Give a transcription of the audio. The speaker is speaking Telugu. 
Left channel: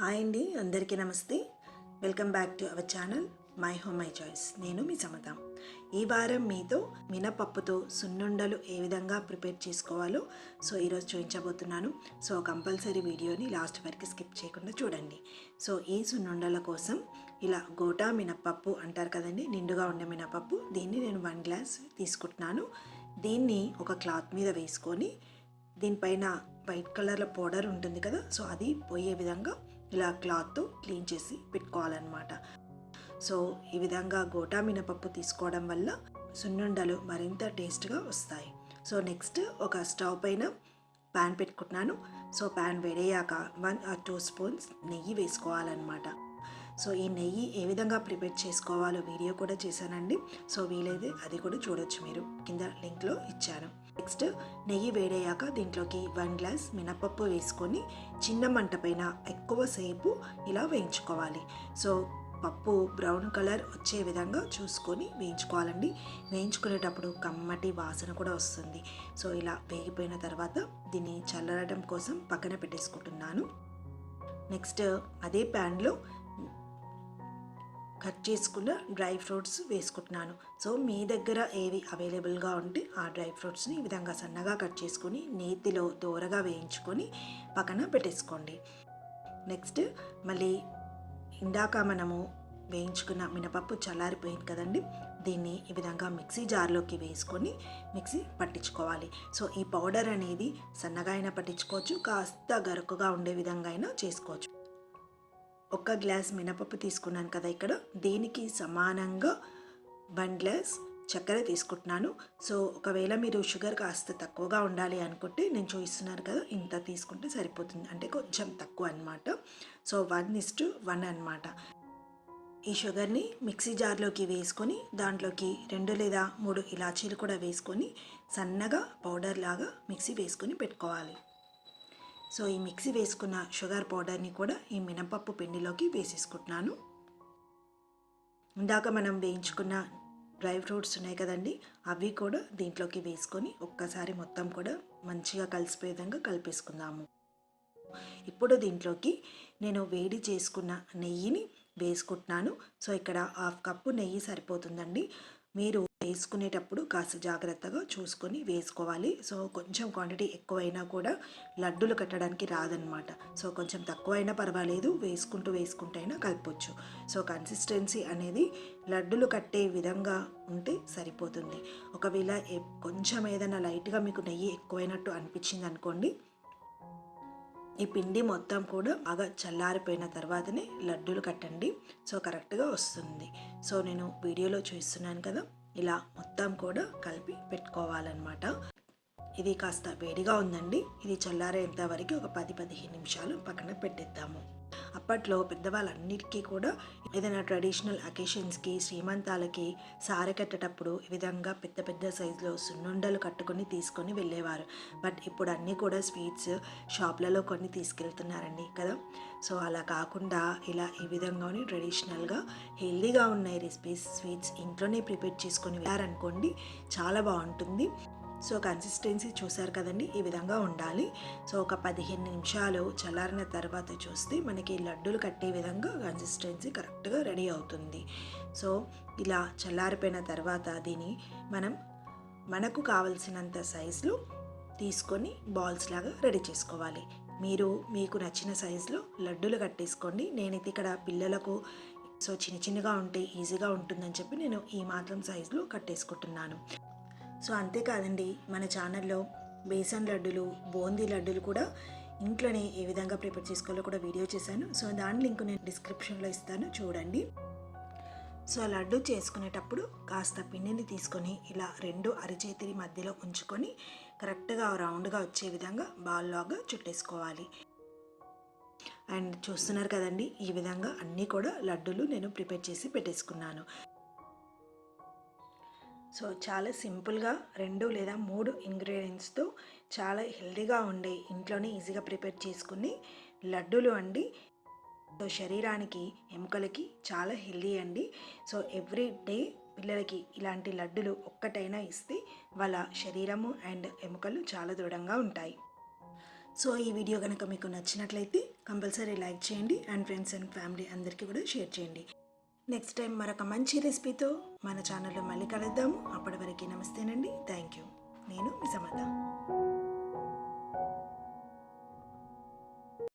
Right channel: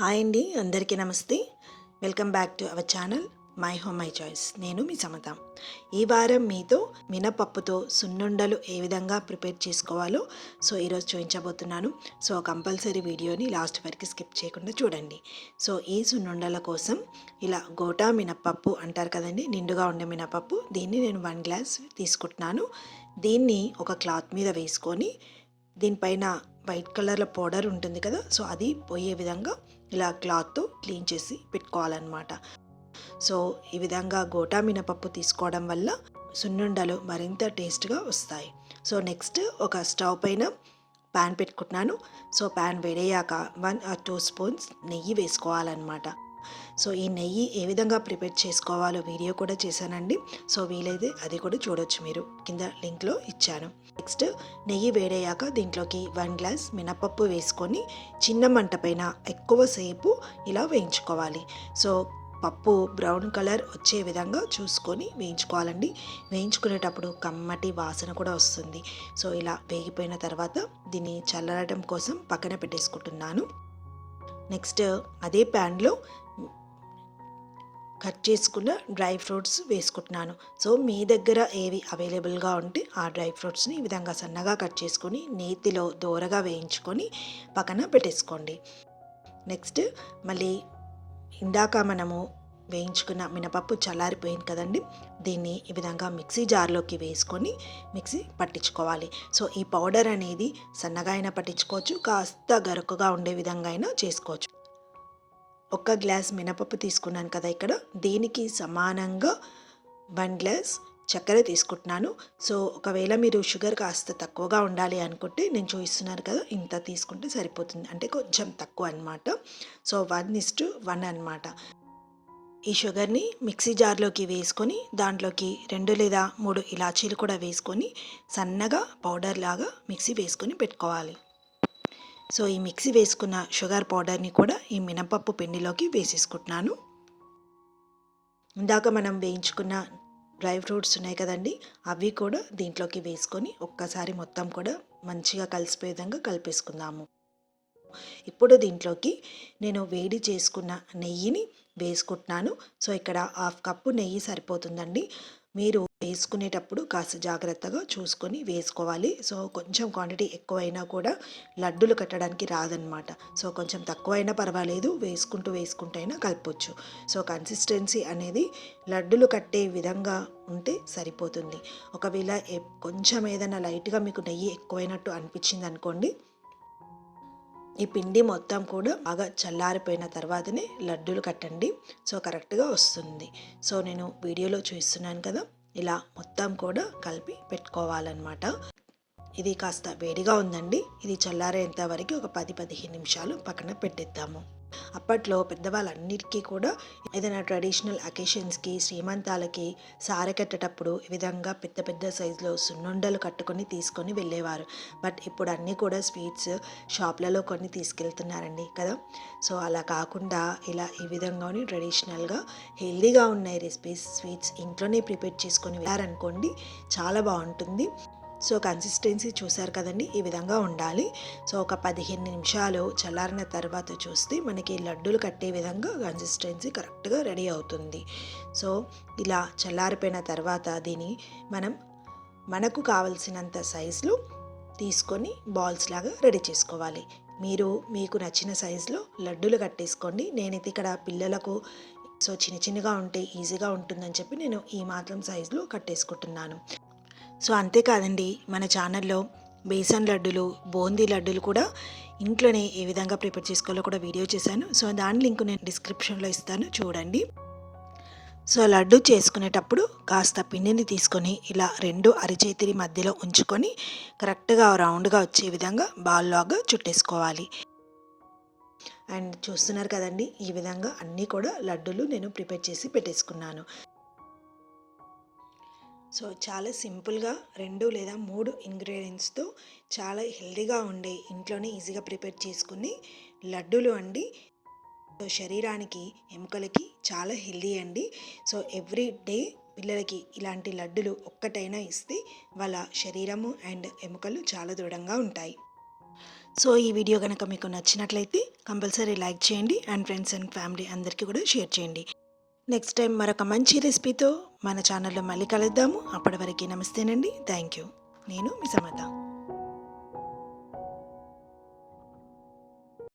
హాయ్ అండి అందరికీ నమస్తే. Welcome back to our channel my home my choice. నేను మీ సమత. ఈ వారం మీతో మినపప్పుతో సున్నుండలు ఏ విధంగా ప్రిపేర్ చేసుకోవాలో సో ఈరోజు చూపించబోతున్నాను సో కంపల్సరీ వీడియోని లాస్ట్ వరకు స్కిప్ చేయకుండా చూడండి. సో ఈ సున్నుండల కోసం ఇలా గోటా మినపప్పు అంటారు కదండి నిండుగా ఉండే మినపప్పు దీన్ని నేను వన్ గ్లాస్ తీసుకుంటున్నాను. దీన్ని ఒక క్లాత్ మీద వేసుకొని దీనిపైన వైట్ కలర్లో పౌడర్ ఉంటుంది కదా సో అది పోయే విధంగా ఇలా క్లాత్తో క్లీన్ చేసి పెట్టుకోవాలన్నమాట. సో ఈ విధంగా గోటా మినపప్పు తీసుకోవడం వల్ల సున్నుండలు మరింత టేస్ట్గా వస్తాయి. సో నెక్స్ట్ ఒక స్టవ్ పైన ప్యాన్ పెట్టుకుంటున్నాను. సో ప్యాన్ వేడయ్యాక వన్ ఆర్ టూ స్పూన్స్ నెయ్యి వేసుకోవాలన్నమాట. సో ఈ నెయ్యి ఏ విధంగా ప్రిపేర్ చేసుకోవాలో వీడియో కూడా చేశానండి. సో వీలైతే అది కూడా చూడొచ్చు మీరు. కింద లింక్లో ఇచ్చాను. నెక్స్ట్ నెయ్యి వేడయ్యాక దీంట్లోకి వన్ గ్లాస్ మినపప్పు వేసుకొని చిన్న మంట పైన ఎక్కువసేపు ఇలా వేయించుకోవాలి. సో పప్పు బ్రౌన్ కలర్ వచ్చే విధంగా చూసుకొని వేయించుకోవాలండి. వేయించుకునేటప్పుడు కమ్మటి వాసన కూడా వస్తుంది. సో ఇలా వేగిపోయిన తర్వాత దీన్ని చల్లరడం కోసం పక్కన పెట్టేసుకుంటున్నాను. నెక్స్ట్ అదే ప్యాన్లో కట్ చేసుకున్న డ్రై ఫ్రూట్స్ వేసుకుంటున్నాను. సో మీ దగ్గర ఏవి అవైలబుల్గా ఉంటే ఆ డ్రై ఫ్రూట్స్ని ఈ విధంగా సన్నగా కట్ చేసుకొని నేతిలో దోరగా వేయించుకొని పక్కన పెట్టేసుకోండి. నెక్స్ట్ మళ్ళీ ఇందాక మనము వేయించుకున్న మినపప్పు చల్లారిపోయింది కదండి దీన్ని ఈ విధంగా మిక్సీ జార్లోకి వేసుకొని మిక్సీ పట్టించుకోవాలి. సో ఈ పౌడర్ అనేది సన్నగా అయినా పట్టించుకోవచ్చు కాస్త గరుకుగా ఉండే విధంగా అయినా చేసుకోవచ్చు. ఒక గ్లాస్ మినపప్పు తీసుకున్నాను కదా ఇక్కడ. దీనికి సమానంగా వన్ గ్లాస్ చక్కెర తీసుకుంటున్నాను. సో ఒకవేళ మీరు షుగర్ కాస్త తక్కువగా ఉండాలి అనుకుంటే నేను చూపిస్తున్నాను కదా ఇంత తీసుకుంటే సరిపోతుంది. అంటే కొంచెం తక్కువ అనమాట సో వన్ ఇస్టు వన్ అనమాట ఈ షుగర్ని మిక్సీ జార్లోకి వేసుకొని దాంట్లోకి రెండు లేదా మూడు ఇలాచీలు కూడా వేసుకొని సన్నగా పౌడర్ లాగా మిక్సీ వేసుకొని పెట్టుకోవాలి. సో ఈ మిక్సీ వేసుకున్న షుగర్ పౌడర్ని కూడా ఈ మినపప్పు పిండిలోకి వేసేసుకుంటున్నాను. ఇందాక మనం వేయించుకున్న డ్రై ఫ్రూట్స్ ఉన్నాయి కదండి అవి కూడా దీంట్లోకి వేసుకొని ఒక్కసారి మొత్తం కూడా మంచిగా కలిసిపోయే విధంగా కలిపేసుకుందాము. ఇప్పుడు దీంట్లోకి నేను వేడి చేసుకున్న నెయ్యిని వేసుకుంటున్నాను. సో ఇక్కడ హాఫ్ కప్పు నెయ్యి సరిపోతుందండి. మీరు వేసుకునేటప్పుడు కాస్త జాగ్రత్తగా చూసుకొని వేసుకోవాలి. సో కొంచెం క్వాంటిటీ ఎక్కువైనా కూడా లడ్డూలు కట్టడానికి రాదనమాట సో కొంచెం తక్కువైనా పర్వాలేదు. వేసుకుంటూ వేసుకుంటూ అయినా కలపొచ్చు. సో కన్సిస్టెన్సీ అనేది లడ్డులు కట్టే విధంగా ఉంటే సరిపోతుంది. ఒకవేళ కొంచెం ఏదైనా లైట్గా మీకు నెయ్యి ఎక్కువైనట్టు అనిపించింది అనుకోండి ఈ పిండి మొత్తం కూడా బాగా చల్లారిపోయిన తర్వాతనే లడ్డూలు కట్టండి. సో కరెక్ట్గా వస్తుంది. సో నేను వీడియోలో చూస్తున్నాను కదా ఇలా మొత్తం కూడా కలిపి పెట్టుకోవాలన్నమాట. ఇది కాస్త వేడిగా ఉందండి. ఇది చల్లారేంత వరకు ఒక పది పదిహేను నిమిషాలు పక్కన పెట్టేద్దాము. అప్పట్లో పెద్దవాళ్ళందరికీ కూడా ఏదైనా ట్రెడిషనల్ అకేషన్స్కి శ్రీమంతాలకి సారె కట్టేటప్పుడు ఈ విధంగా పెద్ద పెద్ద సైజులో సున్నుండలు కట్టుకొని తీసుకొని వెళ్ళేవారు. బట్ ఇప్పుడు అన్నీ కూడా స్వీట్స్ షాప్లలో కొన్ని తీసుకెళ్తున్నారండి కదా. సో అలా కాకుండా ఇలా ఈ విధంగానే ట్రెడిషనల్గా హెల్దీగా ఉన్నాయి రెసిపీస్ స్వీట్స్ ఇంట్లోనే ప్రిపేర్ చేసుకొని వెళ్ళారనుకోండి చాలా బాగుంటుంది. సో కన్సిస్టెన్సీ చూసారు కదండి ఈ విధంగా ఉండాలి. సో ఒక పదిహేను నిమిషాలు చల్లారిన తర్వాత చూస్తే మనకి లడ్డూలు కట్టే విధంగా కన్సిస్టెన్సీ కరెక్ట్గా రెడీ అవుతుంది. సో ఇలా చల్లారిపోయిన తర్వాత దీన్ని మనం మనకు కావలసినంత సైజులో తీసుకొని బాల్స్ లాగా రెడీ చేసుకోవాలి. మీరు మీకు నచ్చిన సైజులో లడ్డూలు కట్టేసుకోండి. నేనైతే ఇక్కడ పిల్లలకు సో చిన్న చిన్నగా ఉంటే ఈజీగా ఉంటుందని చెప్పి నేను ఈ మాత్రం సైజులో కట్టేసుకుంటున్నాను. సో అంతేకాదండి మన ఛానల్లో బేసన్ లడ్డులు బూందీ లడ్డులు కూడా ఇంట్లోనే ఏ విధంగా ప్రిపేర్ చేసుకోవాలో కూడా వీడియో చేశాను. సో దాని లింక్ నేను డిస్క్రిప్షన్లో ఇస్తాను చూడండి. సో లడ్డు చేసుకునేటప్పుడు కాస్త పిండిని తీసుకొని ఇలా రెండు అరిచేతిరి మధ్యలో ఉంచుకొని కరెక్ట్గా రౌండ్గా వచ్చే విధంగా బాల్లాగా చుట్టేసుకోవాలి. అండ్ చూస్తున్నారు కదండి ఈ విధంగా అన్నీ కూడా లడ్డూలు నేను ప్రిపేర్ చేసి పెట్టేసుకున్నాను. సో చాలా సింపుల్గా రెండు లేదా మూడు ఇంగ్రీడియంట్స్తో చాలా హెల్దీగా ఉండే ఇంట్లోనే ఈజీగా ప్రిపేర్ చేసుకుని లడ్డూలు అండి. సో శరీరానికి ఎముకలకి చాలా హెల్దీ అండి. సో ఎవ్రీ డే పిల్లలకి ఇలాంటి లడ్డులు ఒక్కటైనా ఇస్తే వాళ్ళ శరీరము అండ్ ఎముకలు చాలా దృఢంగా ఉంటాయి. సో ఈ వీడియో కనుక మీకు నచ్చినట్లయితే కంపల్సరీ లైక్ చేయండి అండ్ ఫ్రెండ్స్ అండ్ ఫ్యామిలీ అందరికీ కూడా షేర్ చేయండి. నెక్స్ట్ టైం మరొక మంచి రెసిపీతో మన ఛానల్లో మళ్ళీ కలుద్దాము. అప్పటి వరకు నమస్తేనండి. థ్యాంక్ యూ నేను మీ సమత.